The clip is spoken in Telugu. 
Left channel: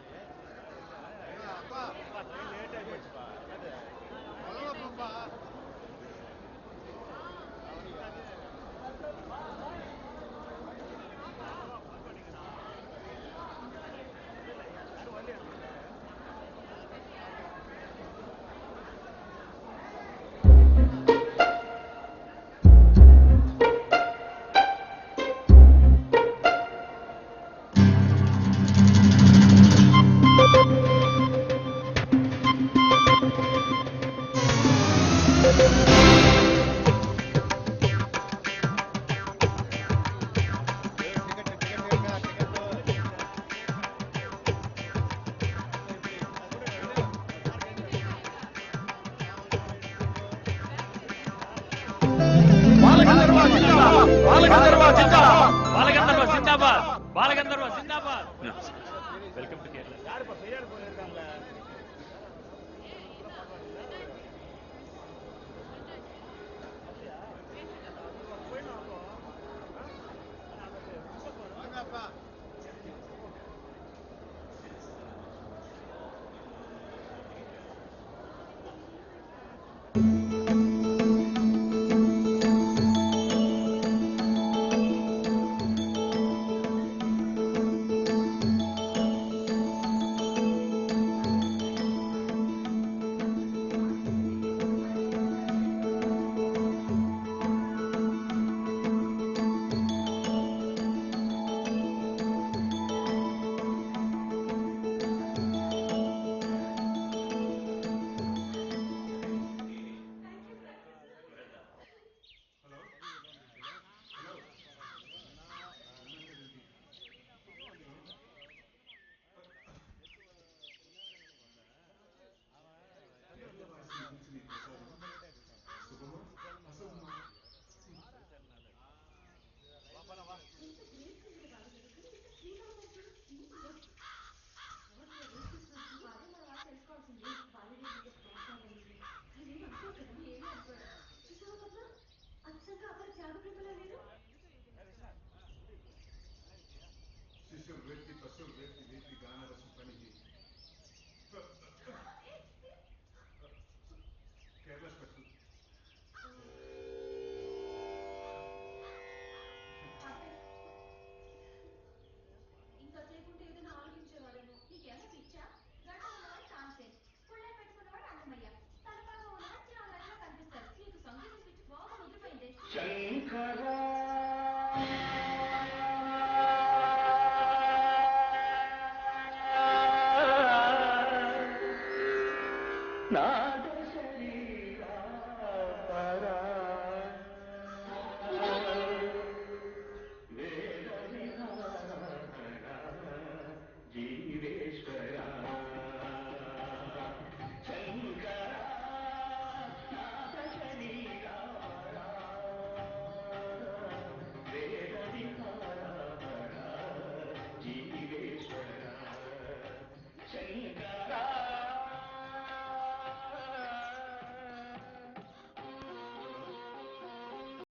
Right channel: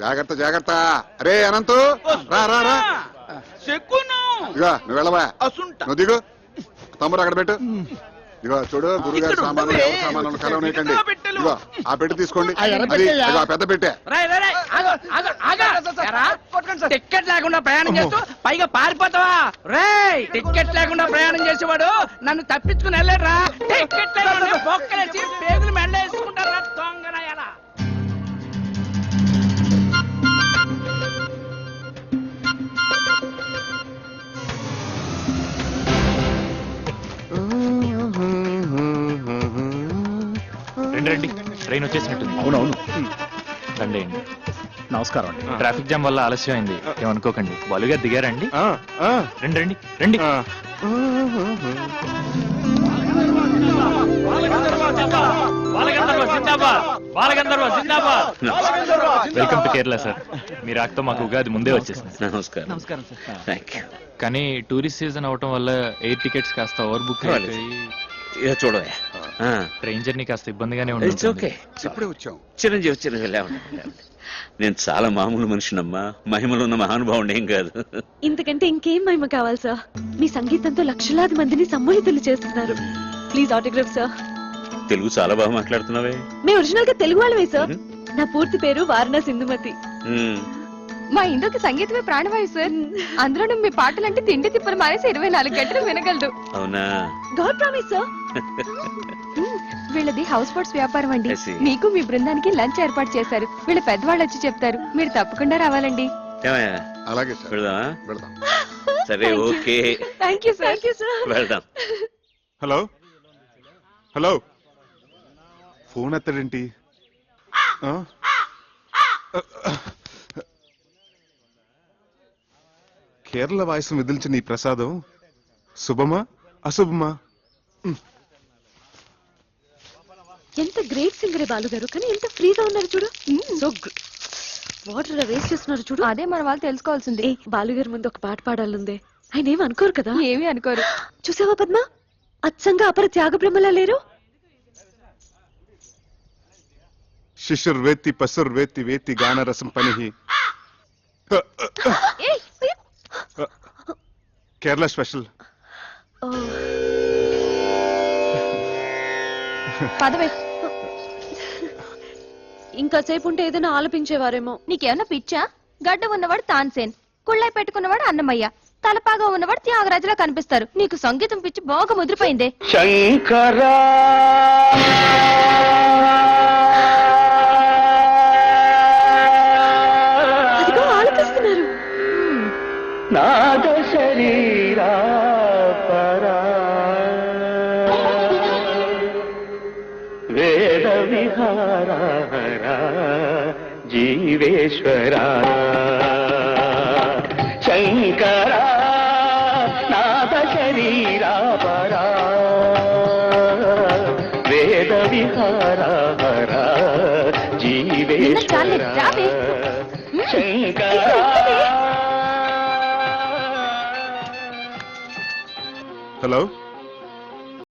జాగ్రత్త జాగ్రత్త. అరే అనంతు రా రా రా. ఇగో నువ్వు వెళ్ళవా, నువ్వు దిగు. తమ్ముడు అక్కడ పెట్టు. ఇగో చూడు, గురుగారి సామాన్లు ఎవరి సామాన్లు కలవనీయకండి. ఇగో ఆ పెట్టి తీసుకోండి. అది ఇగో ఆ పెద్ద పెట్టే. టికెట్ లేకుండా ప్రయాణం చేస్తూ పైగా పారిపోతావా? రేయ్, టికెట్ లేకుండా ప్రయాణం చేసేవాడు నన్ను తప్పించుకుని వెళ్ళారా? టికెట్ లేకుండా బొక్కలేసి పేగులు మెళ్ళేసుకుంటారా? దొంగనాయాలా. రండి, ట్రైన్ వచ్చేసినట్టుంది. అవునవును, రండి. నమస్కారం. ట్రాఫిక్ జామ్ వల్ల ఆలస్యం అయింది, ఏమనుకోకండి. బాలుగా దిగారండి? రండి రండి రండి. Welcome to Kerala sir. మీ రాకతో మాకు ఉగాది ముందే వచ్చేసింది. నమస్కారం. కానీ టూరిస్ట్ సీజన్ అవటం వల్ల ఎయిర్ టికెట్స్ కాస్త ఓవర్ బుక్ చూడవే, ట్రైన్ జర్నీ కాస్త ఇబ్బందిగానే ఉంటుంది. ఓకే, ఇప్పుడే వచ్చాం. చిరంజీవి నేను చాలా మామూలు మనిషినమ్మా, మహిమలో ఉన్న మహానుభావుడు ఏం కాదు. ఇంతకంటే ఇంకేం మహిమ కావాలి సార్? మీ సంగీతంతో లక్షలాది మందిని సమ్మోహితులు చేస్తున్నారు. Please autograph sir. తెలుగు చాలా బాగా మాట్లాడుతున్నావే. మేము ఒరిజినల్ గా తెలుగు వాళ్ళమే సార్. నా పూర్తి పేరు వారణా సింధుమతి. మా ఇంట్లోకి సంగీతమే ప్రాణవాయు సార్. అందులోనూ మీ పాటలంటే తిండి తిప్పలు మానేసి 24 గంటలు వినగలదు. అవునా? God promise sir. వీళ్ళది హౌస్ బోట్స్ వ్యాపారం అండి. మీకు మీ బృందానికి లంచ్ ఏర్పాటు చేశారు. వీళ్ళ పెద్దవాళ్ళు వచ్చి చెప్తారు, మీరు తప్పకుండా రావాలండి. అలాగే సరే, ఓకే. Thank you sir. వెళ్దాం. హలో హలో, ఫోన్ ఎత్తడేంటి? కేరళ వాయిస్ విదిల్చిన ఈ ప్రసాదం శుభమా అశుభమా? ఎంత గ్రేట్ సింగర్ బాలు గారు, కానీ ఎంత ఫ్రీగా ఉన్నారు చూడు. సో వాటర్ వేస్ట్ చేస్తున్నారు చూడు. అదే మన వాళ్ళు తెలుసుకోవాల్సింది. బాలు గారి ముందు ఒక పాట పాడాలందే. ఆయన ఏమి అనుకోరు కదా? ఏమీ అనుకోరు. చూసావా పద్మ, అచ్చంగా అపర త్యాగ బ్రహ్మలా లేరు? శిశుర్ వేత్తి పసుర్ వేత్తి వేత్తి గాన రసం పనిహి. కేరళ స్పెషల్. పదవే. ఇంకా సేపు ఉంటే ఏదైనా ఆలపించేవారేమో. నీకేమన్నా పిచ్చా? గడ్డ ఉన్నవాడు తాన్సేన్, కుళ్ళై పెట్టుకున్నవాడు అన్నమయ్య, తలపాగా ఉన్నవాడు త్యాగరాజులా కనిపిస్తారు. నీకు సంగీతం పిచ్చి బాగా ముదిరిపోయిందే. శంకరా ఆలపిస్తున్నారు. నాద శరీరా పరా వేద విహారా జీవేశ్వరా శంకరా నాద శరీరా పరా వేద విహారా జీవేశ్వరా శంకరా. హలో